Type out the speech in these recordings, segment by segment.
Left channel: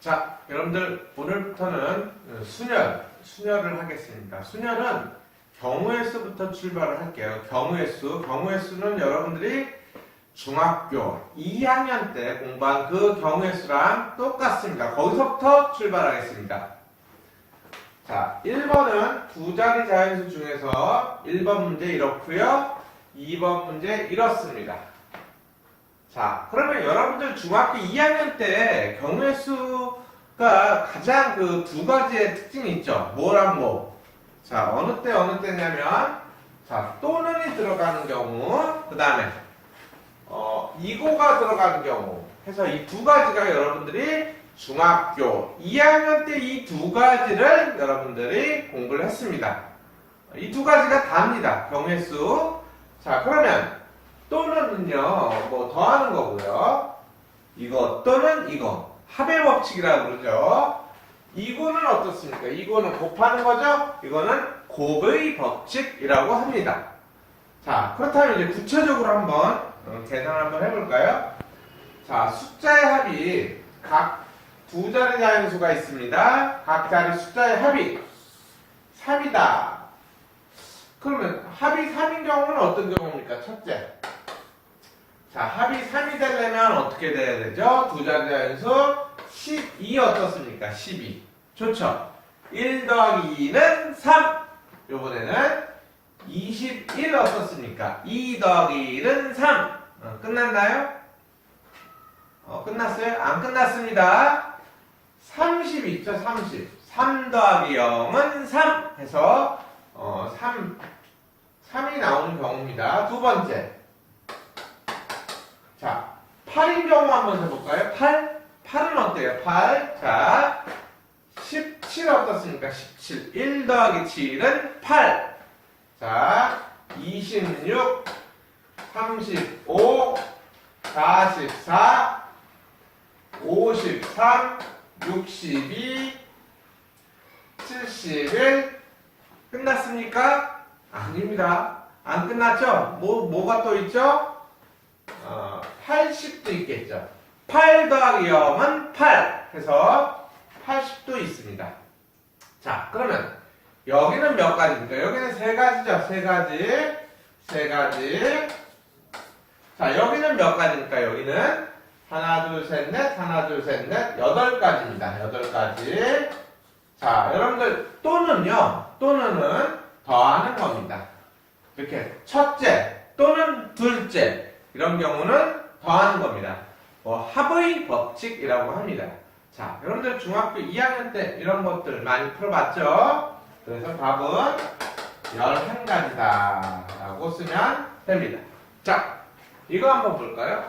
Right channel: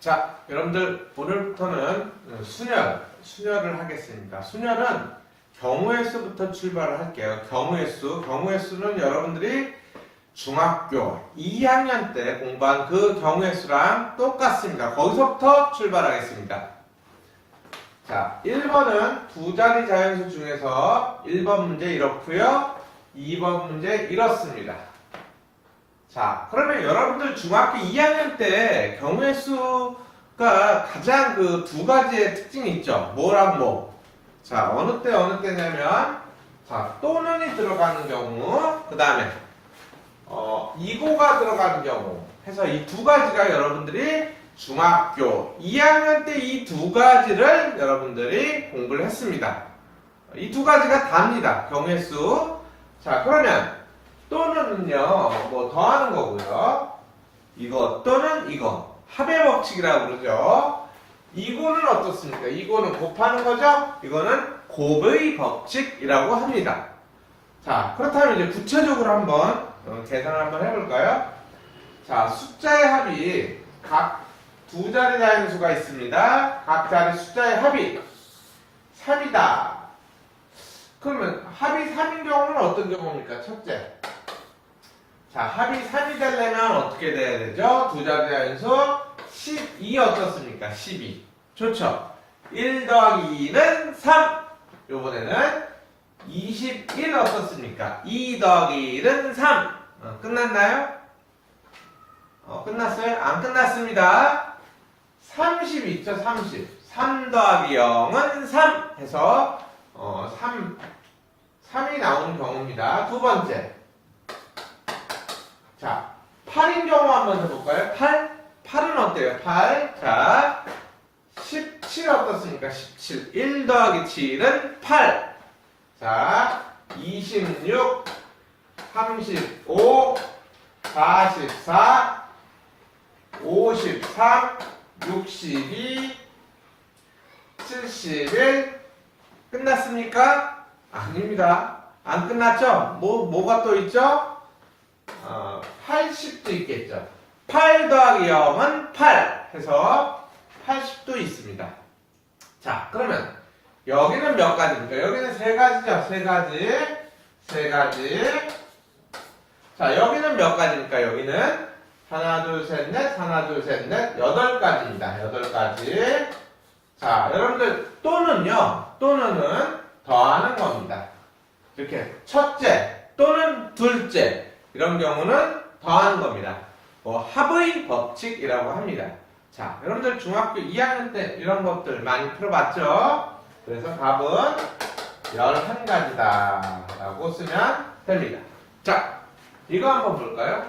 자, 여러분들 오늘부터는 순열을 하겠습니다. 순열은 경우의 수부터 출발을 할게요. 경우의 수는 여러분들이 중학교 2학년 때 공부한 그 경우의 수랑 똑같습니다. 거기서부터 출발하겠습니다. 자, 1번은 두 자리 자연수 중에서 1번 문제 이렇고요. 2번 문제 이렇습니다. 자, 그러면 여러분들 중학교 2학년 때 경우의 수가 가장 그 두 가지의 특징이 있죠. 뭐랑 뭐. 자, 어느 때냐면, 자, 또는이 들어가는 경우, 그 다음에, 이고가 들어가는 경우 해서 이 두 가지가 여러분들이 중학교 2학년 때 이 두 가지를 여러분들이 공부를 했습니다. 이 두 가지가 답니다. 경우의 수. 자, 그러면, 또는은요, 뭐 더하는 거고요. 이거 또는 이거 합의 법칙이라고 그러죠. 이거는 어떻습니까? 이거는 곱하는 거죠. 이거는 곱의 법칙이라고 합니다. 자, 그렇다면 이제 구체적으로 한번 계산을 한번 해볼까요? 자, 숫자의 합이 각 두 자리 자연수가 있습니다. 각 자리 숫자의 합이 3이다. 그러면 합이 3인 경우는 어떤 경우입니까? 첫째. 자, 합이 3이 되려면 어떻게 돼야 되죠? 두 자리 자연수 12 어떻습니까? 12. 좋죠? 1 더하기 2는 3. 요번에는 21 어떻습니까? 2 더하기 1은 3. 끝났나요? 끝났어요? 안 끝났습니다. 30 있죠? 30. 3 더하기 0은 3 해서 3이 나오는 경우입니다. 두 번째. 자, 8인 경우 한번 해볼까요? 8은 어때요? 8. 자, 17 어떻습니까? 17. 1 더하기 7은 8. 자, 26, 35, 44, 53, 62, 71. 끝났습니까? 아닙니다. 안 끝났죠? 뭐가 또 있죠? 80도 있겠죠. 8 더하기 0은 8 해서 80도 있습니다. 자, 그러면 여기는 몇 가지입니까? 여기는 세 가지죠. 세 가지. 자, 여기는 몇 가지입니까? 여기는 하나, 둘, 셋, 넷, 하나, 둘, 셋, 넷, 8가지입니다. 8가지. 자, 여러분들 또는은 더하는 겁니다. 이렇게 첫째 또는 둘째 이런 경우는 더하는 겁니다. 합의 법칙이라고 합니다. 자, 여러분들 중학교 2학년 때 이런 것들 많이 풀어봤죠? 그래서 답은 11가지다 라고 쓰면 됩니다. 자, 이거 한번 볼까요?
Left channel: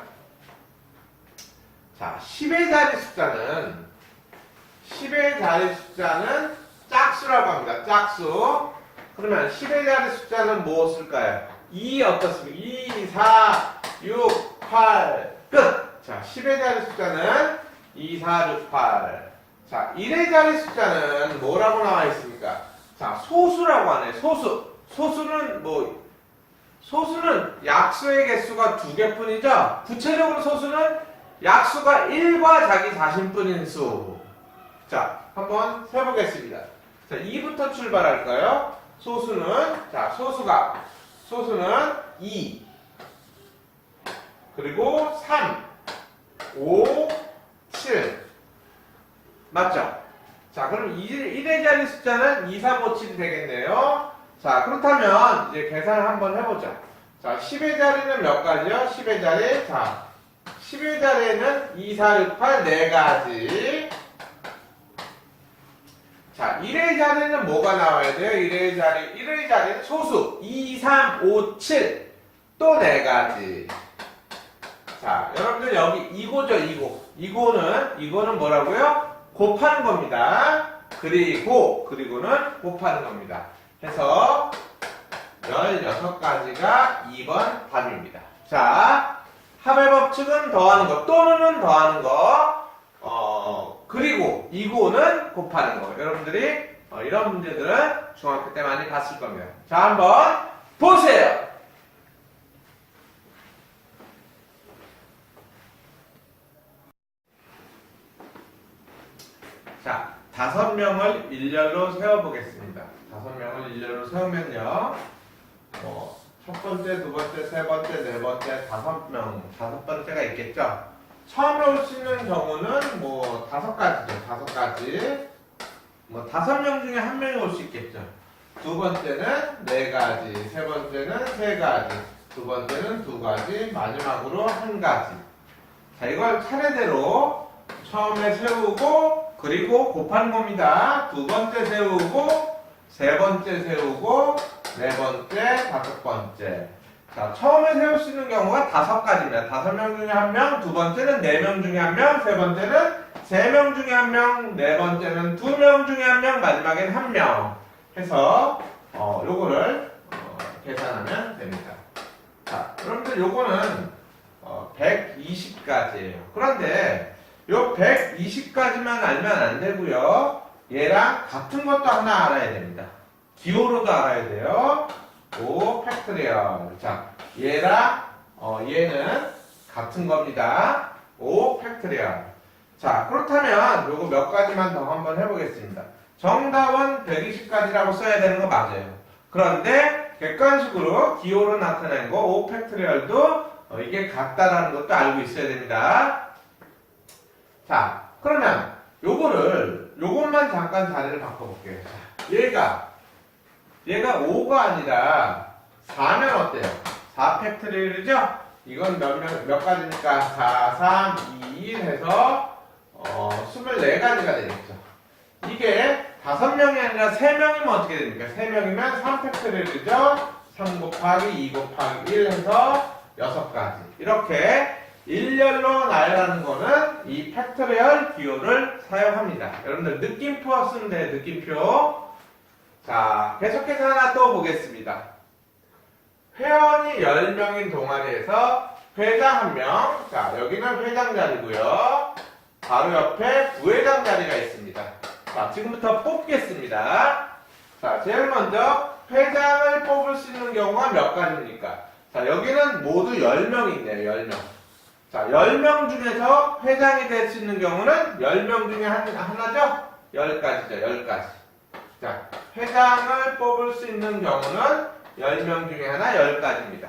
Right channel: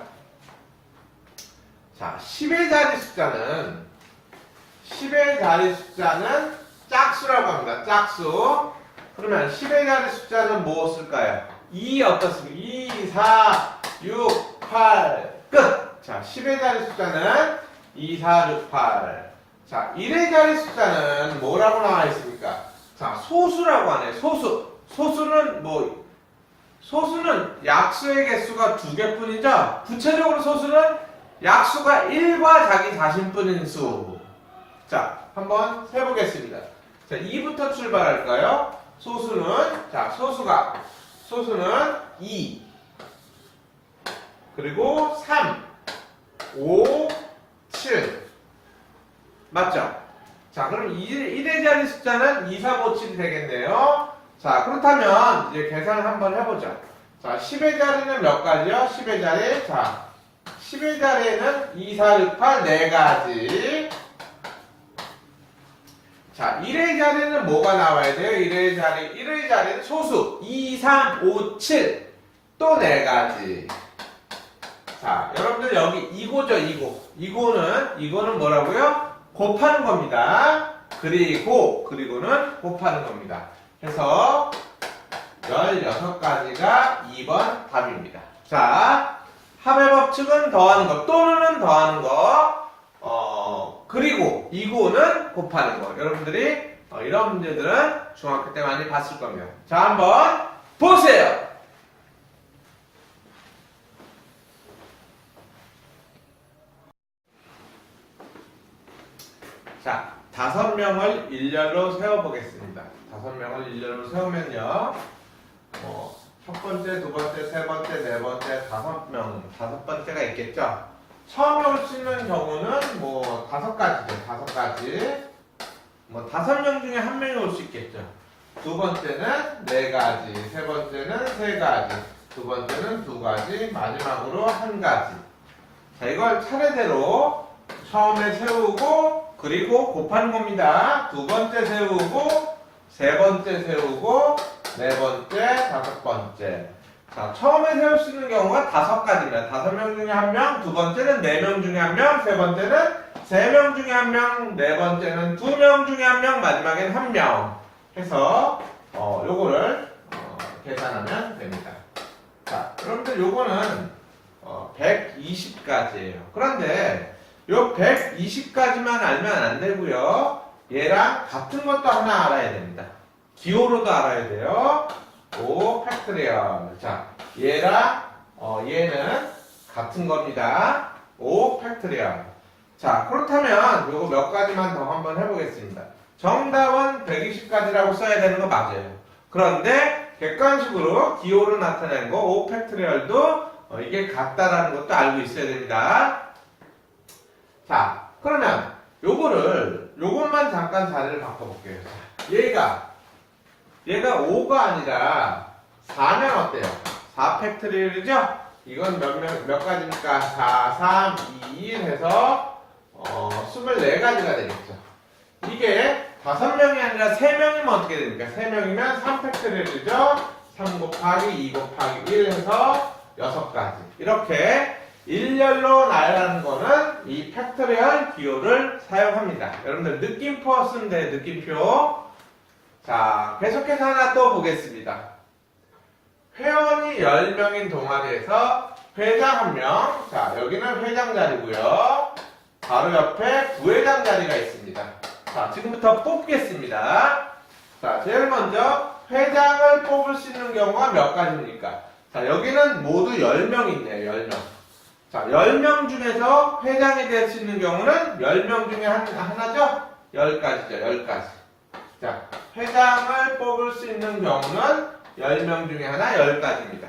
자, 10의 자리 숫자는 짝수라고 합니다. 짝수. 그러면 10의 자리 숫자는 무엇일까요? 2 어떻습니까? 2, 4, 6, 8, 끝! 자, 10의 자리 숫자는 2, 4, 6, 8. 자, 1의 자리 숫자는 뭐라고 나와 있습니까? 자, 소수라고 하네. 소수는 약수의 개수가 2개뿐이죠? 구체적으로 소수는 약수가 1과 자기 자신뿐인 수. 자, 한번 세보겠습니다. 자, 2부터 출발할까요? 소수는 2, 그리고 3, 5, 7. 맞죠? 자, 그럼 1의 자리 숫자는 2, 3, 5, 7이 되겠네요. 자, 그렇다면 이제 계산을 한번 해보자. 자, 10의 자리는 몇 가지요? 10의 자리. 자, 10의 자리에는 2, 4, 6, 8, 4가지. 자, 1의 자리는 뭐가 나와야 돼요? 1의 자리는 소수. 2, 3, 5, 7. 또 4가지. 자, 여러분들 여기 이거죠, 이거는 뭐라고요? 곱하는 겁니다. 그리고는 곱하는 겁니다. 해서 16가지가 2번 답입니다. 자, 합의 법칙은 더하는 거, 또는은 더하는 거, 그리고 이거는 곱하는 거. 여러분들이 이런 문제들은 중학교 때 많이 봤을 겁니다. 자, 한번 보세요. 자, 5명을 일렬로 세워보겠습니다. 5명을 일렬로 세우면요. 첫 번째, 두 번째, 세 번째, 네 번째, 5명, 5번째가 있겠죠? 처음에 올 수 있는 경우는 뭐 5가지죠. 5가지. 뭐 5명 중에 1명이 올 수 있겠죠. 두 번째는 4가지, 세 번째는 3가지, 두 번째는 2가지, 마지막으로 1가지. 자, 이걸 차례대로 처음에 세우고 그리고 곱하는 겁니다. 두 번째 세우고 세 번째 세우고 네 번째, 5번째. 자, 처음에 세울 수 있는 경우가 5가지입니다. 5명 중에 1명, 두 번째는 4명 중에 1명, 세 번째는 3명 중에 1명, 네 번째는 2명 중에 1명, 마지막엔 1명 해서 요거를 계산하면 됩니다. 자, 여러분들 요거는 120가지예요. 그런데 요 120가지만 알면 안 되고요. 얘랑 같은 것도 하나 알아야 됩니다. 기호로도 알아야 돼요. 5 팩토리얼. 자, 얘랑 얘는 같은 겁니다. 5 팩토리얼. 자, 그렇다면 요거 몇 가지만 더 한번 해보겠습니다. 정답은 120가지라고 써야 되는 거 맞아요. 그런데 객관식으로 기호로 나타낸 거 5 팩토리얼도 이게 같다라는 것도 알고 있어야 됩니다. 자, 그러면 요것만 잠깐 자리를 바꿔볼게요. 자, 얘가 5가 아니라 4면 어때요? 4 팩토리얼이죠? 이건 몇 가지입니까? 4, 3, 2, 1 해서 24가지가 되겠죠. 이게 5명이 아니라 3명이면 어떻게 됩니까? 3명이면 3 팩토리얼이죠? 3 곱하기 2 곱하기 1 해서 6가지. 이렇게 일렬로 나열하는 거는 이 팩토리얼 기호를 사용합니다. 여러분들 느낌표 쓰면 돼요. 느낌표. 자, 계속해서 하나 또 보겠습니다. 회원이 10명인 동아리에서 회장 1명. 자, 여기는 회장 자리고요. 바로 옆에 부회장 자리가 있습니다. 자, 지금부터 뽑겠습니다. 자, 제일 먼저 회장을 뽑을 수 있는 경우가 몇 가지입니까? 자, 여기는 모두 10명이 있네요. 10명. 자, 10명 중에서 회장이 될 수 있는 경우는 10명 중에 하나죠? 10가지죠. 10가지. 자, 회장을 뽑을 수 있는 경우는 10명 중에 하나 10가지입니다.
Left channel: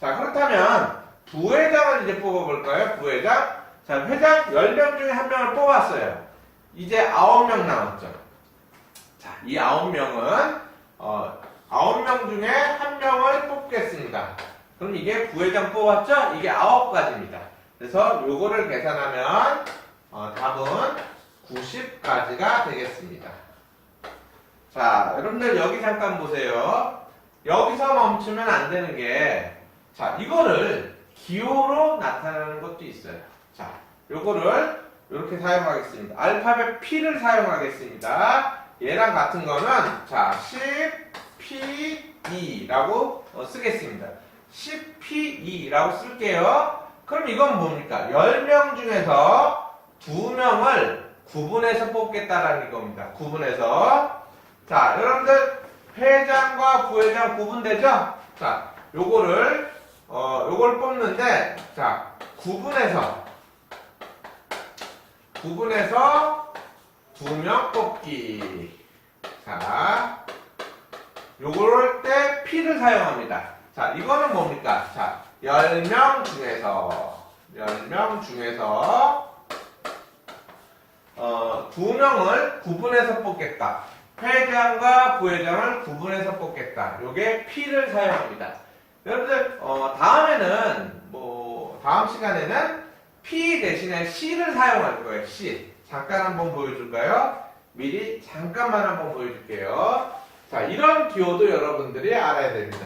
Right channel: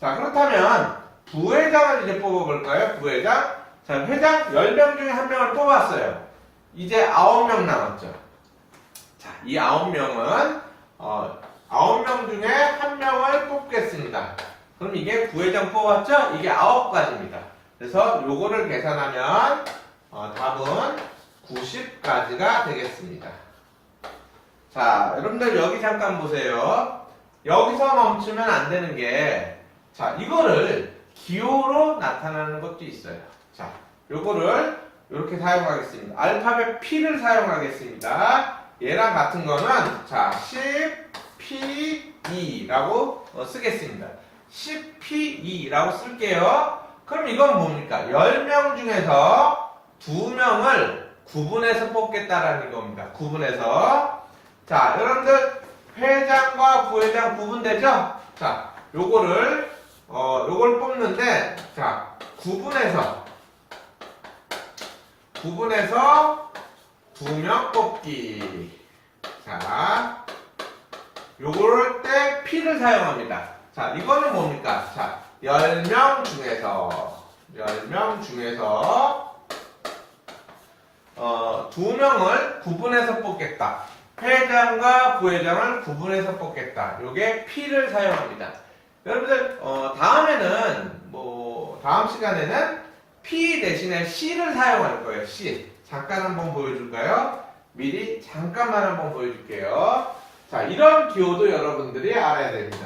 자, 그렇다면 부회장을 이제 뽑아볼까요? 부회장. 자, 회장 10명 중에 1명을 뽑았어요. 이제 9명 남았죠. 자, 이 9명은 9명 중에 1명을 뽑겠습니다. 그럼 이게 부회장 뽑았죠? 이게 9가지입니다. 그래서 요거를 계산하면 답은 90가지가 되겠습니다. 자, 여러분들 여기 잠깐 보세요. 여기서 멈추면 안 되는 게, 자, 이거를 기호로 나타나는 것도 있어요. 자, 요거를 이렇게 사용하겠습니다. 알파벳 P를 사용하겠습니다. 얘랑 같은 거는, 자, 10P2라고 쓰겠습니다. 10P2라고 쓸게요. 그럼 이건 뭡니까? 10명 중에서 2명을 구분해서 뽑겠다라는 겁니다. 구분해서. 자, 여러분들 회장과 부회장 구분되죠? 자, 요걸 뽑는데, 자, 구분해서 2명 뽑기. 자, 요걸 때 P를 사용합니다. 자, 이거는 뭡니까? 자, 10명 중에서 2명을 구분해서 뽑겠다. 회장과 부회장을 구분해서 뽑겠다. 요게 P를 사용합니다. 여러분들, 다음 시간에는 P 대신에 C를 사용할 거예요. C. 잠깐 한번 보여줄까요? 미리 잠깐만 한번 보여줄게요. 자, 이런 기호도 여러분들이 알아야 됩니다.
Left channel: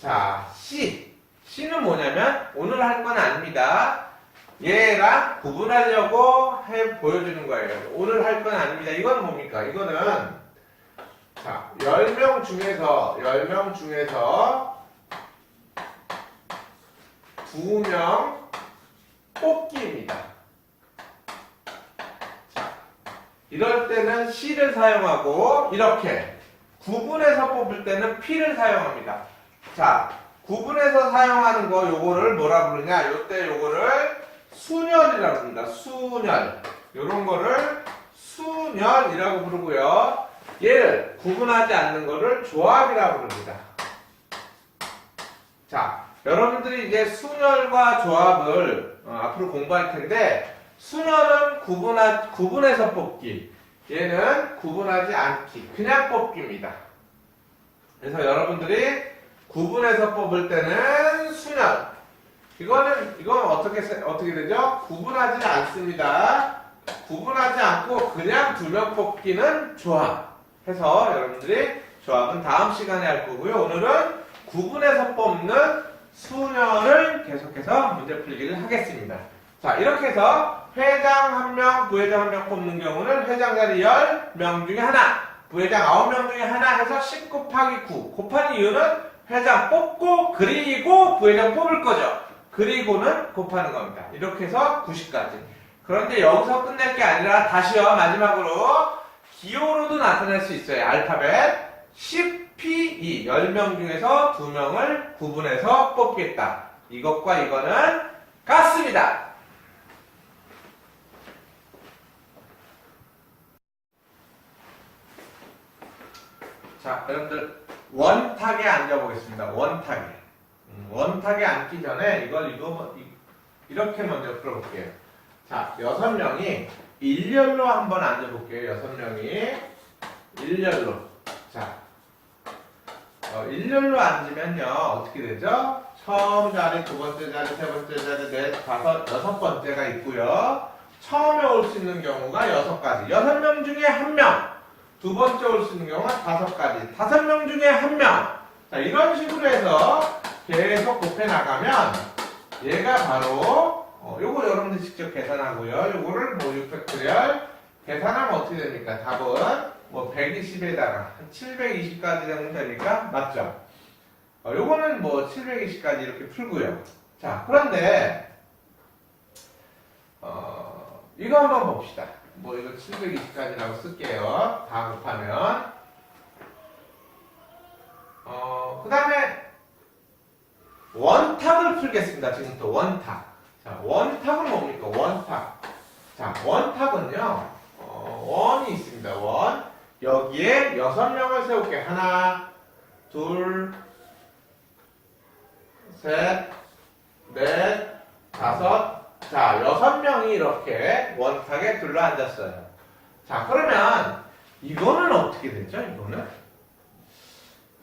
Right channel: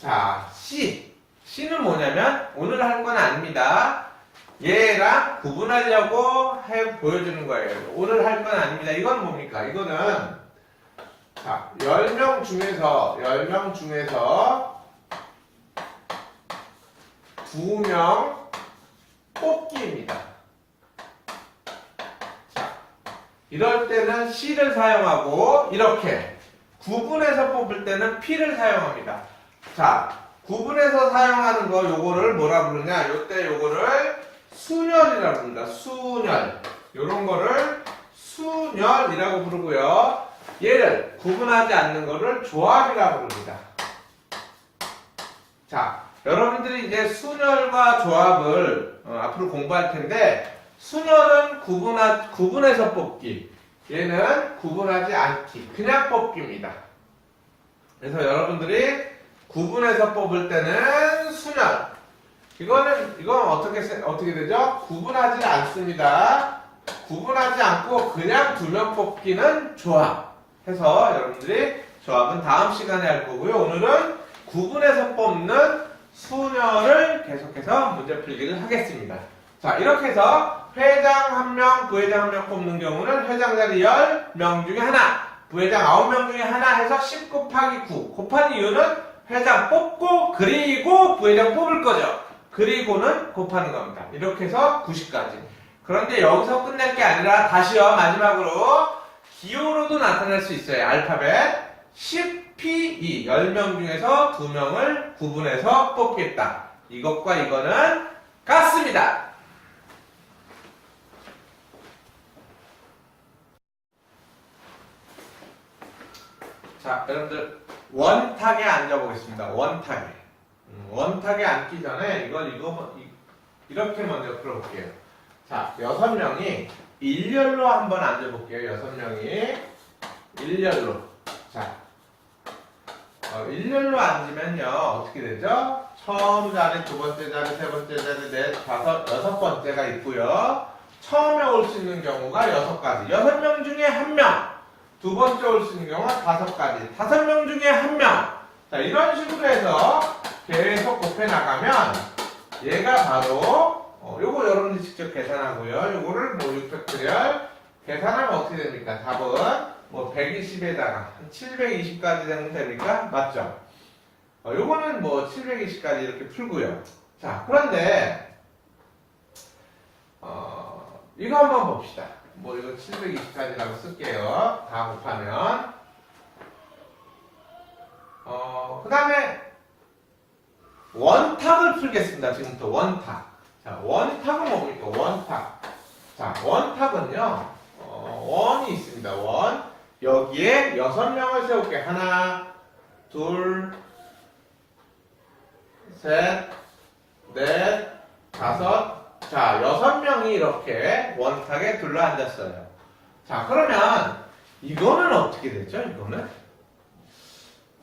자, C. C는 뭐냐면, 오늘 할 건 아닙니다. 얘랑 구분하려고 보여주는 거예요. 오늘 할 건 아닙니다. 이건 뭡니까? 이거는, 자, 10명 중에서 2명 뽑기입니다. 자, 이럴 때는 C를 사용하고, 이렇게 구분해서 뽑을 때는 P를 사용합니다. 자, 구분해서 사용하는 거 요거를 뭐라 부르냐? 요때 요거를 순열이라고 합니다. 순열. 요런 거를 순열이라고 부르고요. 얘를 구분하지 않는 거를 조합이라고 부릅니다. 자, 여러분들이 이제 순열과 조합을 앞으로 공부할 텐데, 순열은 구분해서 뽑기, 얘는 구분하지 않기, 그냥 뽑기입니다. 그래서 여러분들이 구분해서 뽑을 때는 순열, 이건 어떻게 되죠? 구분하지 않습니다. 구분하지 않고 그냥 두 명 뽑기는 조합. 해서 여러분들이 조합은 다음 시간에 할 거고요. 오늘은 구분해서 뽑는 순열을 계속해서 문제 풀기를 하겠습니다. 자, 이렇게 해서 회장 1명, 부회장 1명 뽑는 경우는 회장 자리 10명 중에 하나, 부회장 9명 중에 하나 해서 10 곱하기 9. 곱한 이유는 회장 뽑고 그리고 부회장 뽑을 거죠. 그리고는 곱하는 겁니다. 이렇게 해서 90까지. 그런데 여기서 끝낼 게 아니라 다시요, 마지막으로 기호로도 나타낼 수 있어요. 알파벳 10P2 10명 중에서 2명을 구분해서 뽑겠다. 이것과 이거는 같습니다. 자, 여러분들 원탁에 앉아보겠습니다. 원탁에 앉기 전에 이렇게 먼저 풀어볼게요. 자, 6명이 일렬로 한번 앉아볼게요. 6명이 일렬로. 자, 일렬로 앉으면요 어떻게 되죠? 처음 자리, 두 번째 자리, 세 번째 자리, 넷, 다섯, 여섯 번째가 있고요. 처음에 올 수 있는 경우가 6가지. 6명 중에 1명. 두 번째 올 수 있는 경우가 5가지. 5명 중에 1명. 자, 이런 식으로 해서 계속 곱해 나가면 얘가 바로 요거 여러분들 직접 계산하고요. 요거를 뭐 6팩토리얼 계산하면 어떻게 됩니까? 답은 뭐 120에다가 720까지 되면 됩니까? 맞죠? 요거는 뭐 720까지 이렇게 풀고요. 자, 그런데 이거 한번 봅시다. 뭐 이거 720까지라고 쓸게요. 다 곱하면 그 다음에 원탁을 풀겠습니다. 지금부터 원탁. 자, 원탁은 뭡니까? 원탁. 자, 원탁은요, 원이 있습니다. 원. 여기에 6명을 세울게. 하나, 둘, 셋, 넷, 다섯. 자, 6명이 이렇게 원탁에 둘러앉았어요. 자, 그러면 이거는 어떻게 되죠? 이거는?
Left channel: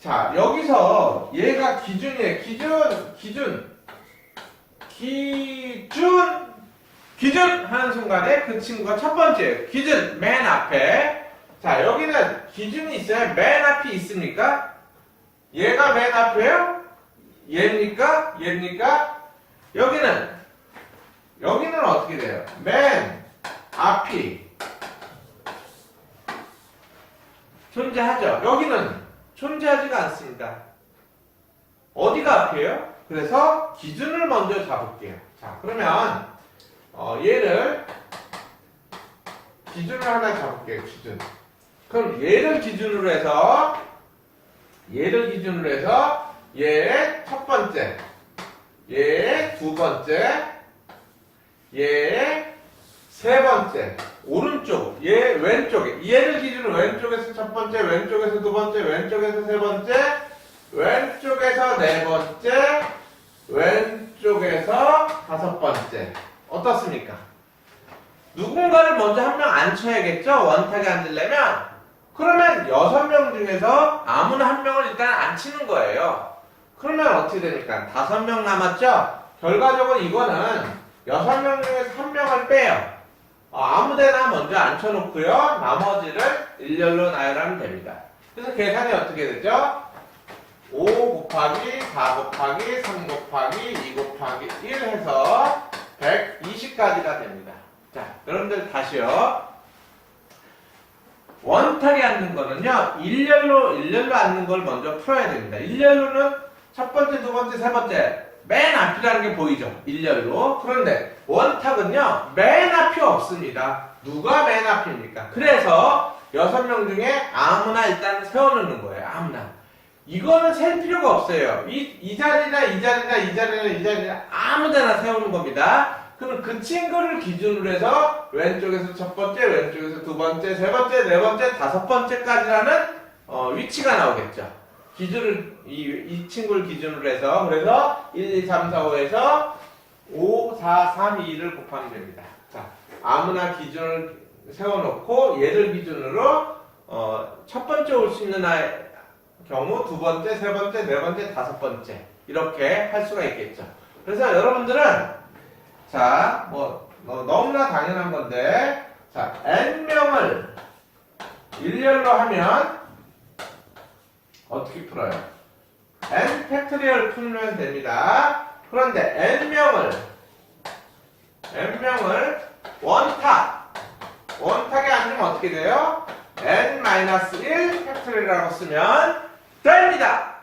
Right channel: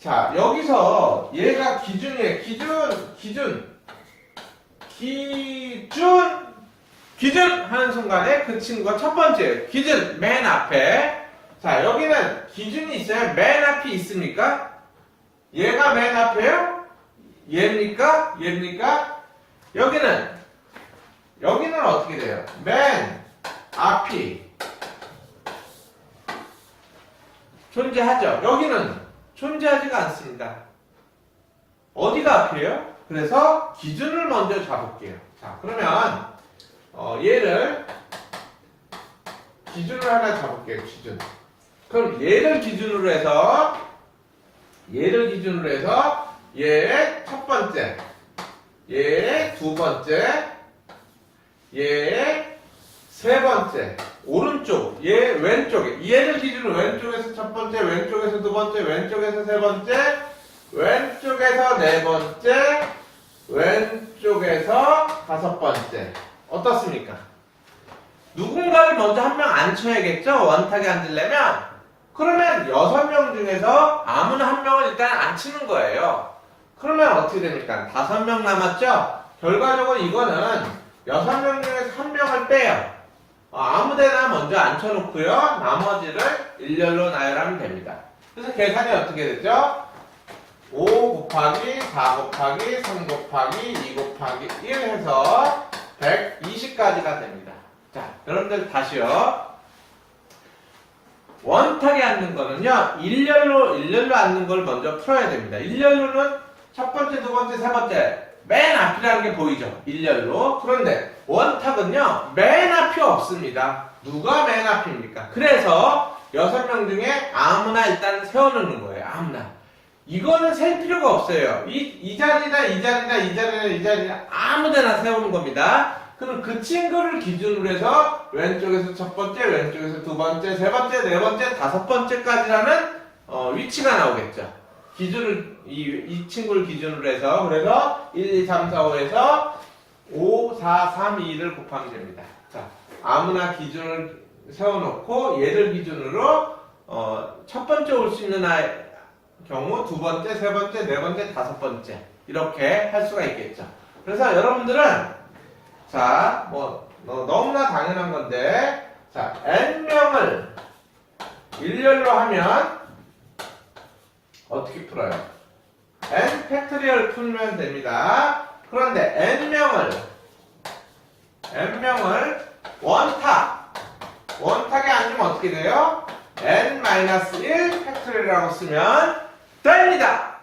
자, 여기서 얘가 기준이에요. 기준 하는 순간에 그 친구가 첫 번째 기준 맨 앞에. 자, 여기는 기준이 있어요. 맨 앞이 있습니까? 얘가 맨 앞이에요? 얘입니까? 여기는 어떻게 돼요? 맨 앞이 존재하죠. 여기는 존재하지가 않습니다. 어디가 앞이에요? 그래서 기준을 먼저 잡을게요. 자, 그러면 얘를 기준을 하나 잡을게요. 기준. 그럼 얘를 기준으로 해서 얘의 첫 번째, 얘의 두 번째, 얘의 세 번째, 오른쪽, 얘 왼쪽에, 얘를 기준으로 왼쪽에서 첫 번째, 왼쪽에서 두 번째, 왼쪽에서 세 번째, 왼쪽에서 네 번째, 왼쪽에서 다섯 번째. 어떻습니까? 누군가를 먼저 한 명 앉혀야겠죠? 원탁에 앉으려면. 그러면 6명 중에서 아무나 한 명을 일단 앉히는 거예요. 그러면 어떻게 됩니까? 5명 남았죠? 결과적으로 이거는 6명 중에서 1명을 빼요. 아무데나 먼저 앉혀놓고요. 나머지를 일렬로 나열하면 됩니다. 그래서 계산이 어떻게 되죠? 5 곱하기 4 곱하기 3 곱하기 2 곱하기 1 해서 120까지가 됩니다. 자, 여러분들 다시요. 원탁에 앉는 거는요, 일렬로 앉는 걸 먼저 풀어야 됩니다. 일렬로는 첫 번째, 두 번째, 세 번째, 맨 앞이라는 게 보이죠? 일렬로. 그런데 원탁은요, 맨 앞이 없습니다. 누가 맨 앞입니까? 그래서 6명 중에 아무나 일단 세워놓는 거예요. 아무나. 이거는 셀 필요가 없어요. 이 자리나 이 자리나 이 자리나 이 자리나 아무 데나 세우는 겁니다. 그럼 그 친구를 기준으로 해서 왼쪽에서 첫 번째, 왼쪽에서 두 번째, 세 번째, 네 번째, 다섯 번째까지라는 위치가 나오겠죠. 이 친구를 기준으로 해서 그래서 1, 2, 3, 4, 5에서 5, 4, 3, 2, 1을 곱하면 됩니다. 자, 아무나 기준을 세워놓고 얘를 기준으로 첫 번째 올 수 있는 경우 두 번째, 세 번째, 네 번째, 다섯 번째 이렇게 할 수가 있겠죠. 그래서 여러분들은 자, 너무나 당연한 건데 자, n명을 일렬로 하면 어떻게 풀어요? n 팩토리얼 풀면 됩니다. 그런데 n명을 원탁에 앉으면 어떻게 돼요? n-1 팩토리얼이라고 쓰면 됩니다.